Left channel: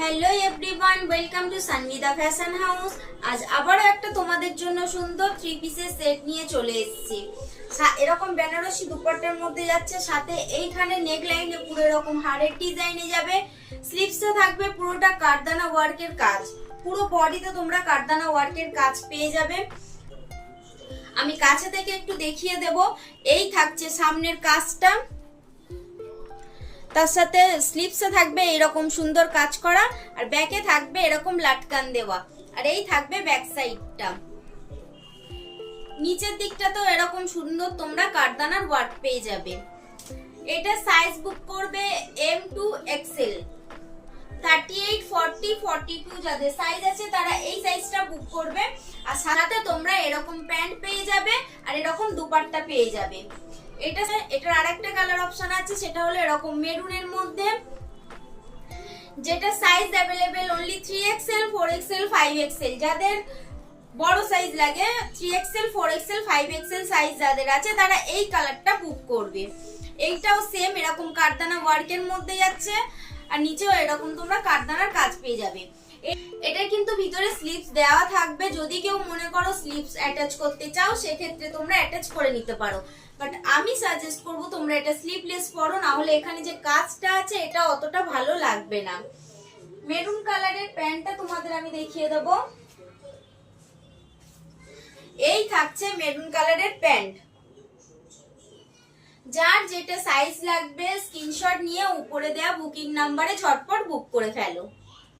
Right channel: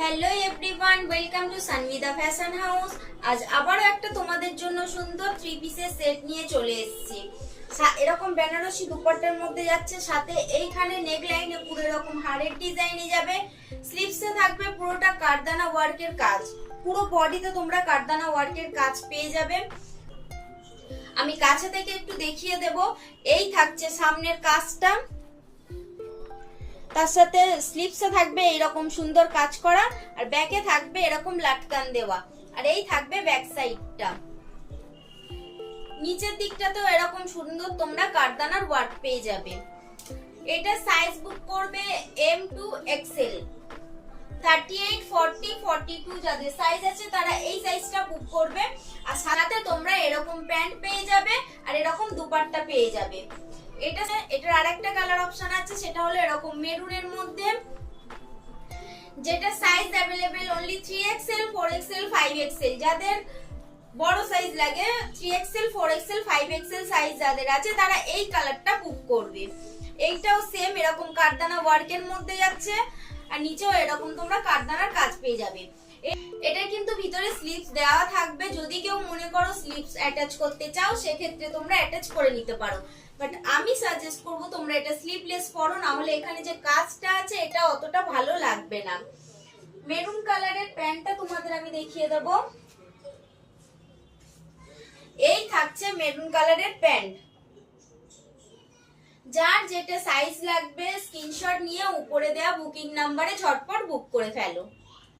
Hello everyone, welcome to Sanvida fashion house. আজ আবারও একটা তোমাদের জন্য সুন্দর থ্রি পিসের সেট নিয়ে চলে এসেছি। এরকম বেনারসি দুপাট্টার মধ্যে যাচ্ছে, সাথে এইখানে নেক লাইনে পুরো এরকম হারের ডিজাইনে যাবে। স্লিভসে থাকবে পুরোটা কারদানা ওয়ার্কের কাজ, পুরো বডিতে তোমরা কারদানা ওয়ার্কের কাজ পেয়ে যাবে। আমি কাছে থেকে একটু দেখিয়ে দেব। এই থাকছে সামনের কাজটা, তার সাথে স্লিভসে থাকবে এরকম সুন্দর কাজ করা, আর ব্যাকে থাকবে এরকম লাটকান দেওয়া, আর এই থাকবে ব্যাক সাইডটা। নিচের দিকটা তো এরকম সুন্দর তোমরা কারদানার ওয়ার্ক পেয়ে যাবে। এটা সাইজ বুক করবে এম টু এক্সেল, 38, 40, 42 যাদের সাইজ আছে তারা এই সাইজটা বুক করবে। আর সাথে তোমরা এরকম প্যান্ট পেয়ে যাবে আর এরকম দুপাট্টা পেয়ে যাবে। এটার আরেকটা কালার অপশন আছে, সেটা হলো এরকম মেরুনের মধ্যে, যেটা size available only 3XL, 4XL, 5XL। যাদের বড় সাইজ লাগে 3XL, 4XL, 5XL সাইজ যাদের আছে তারা এই কালারটা বুক করবে। এইটাও সেম এরকম কারদানা ওয়ার্কের মধ্যে যাচ্ছে, আর নিচেও এরকম তোমরা কারদানার কাজ পেয়ে যাবে। এটা কিন্তু ভিতরে স্লিভস দেওয়া থাকবে, যদি কেউ মনে করো স্লিভস অ্যাটাচ করতে চাও সেক্ষেত্রে তোমরা অ্যাটাচ করে নিতে পারো, বাট আমি সাজেস্ট করব তোমরা এটা স্লিভলেস করো, না হলে এখানে যে কাজটা আছে এটা অতটা ভালো লাগবে না। মেরুন কালারের প্যান্টটা তোমাদের আমি দেখিয়ে দেব। এই থাকছে মেরুন কালারের প্যান্ট। যার যেটা সাইজ লাগবে স্ক্রিনশট নিয়ে উপরে দেওয়া বুকিং নাম্বারে ঝটপট বুক করে ফেলো।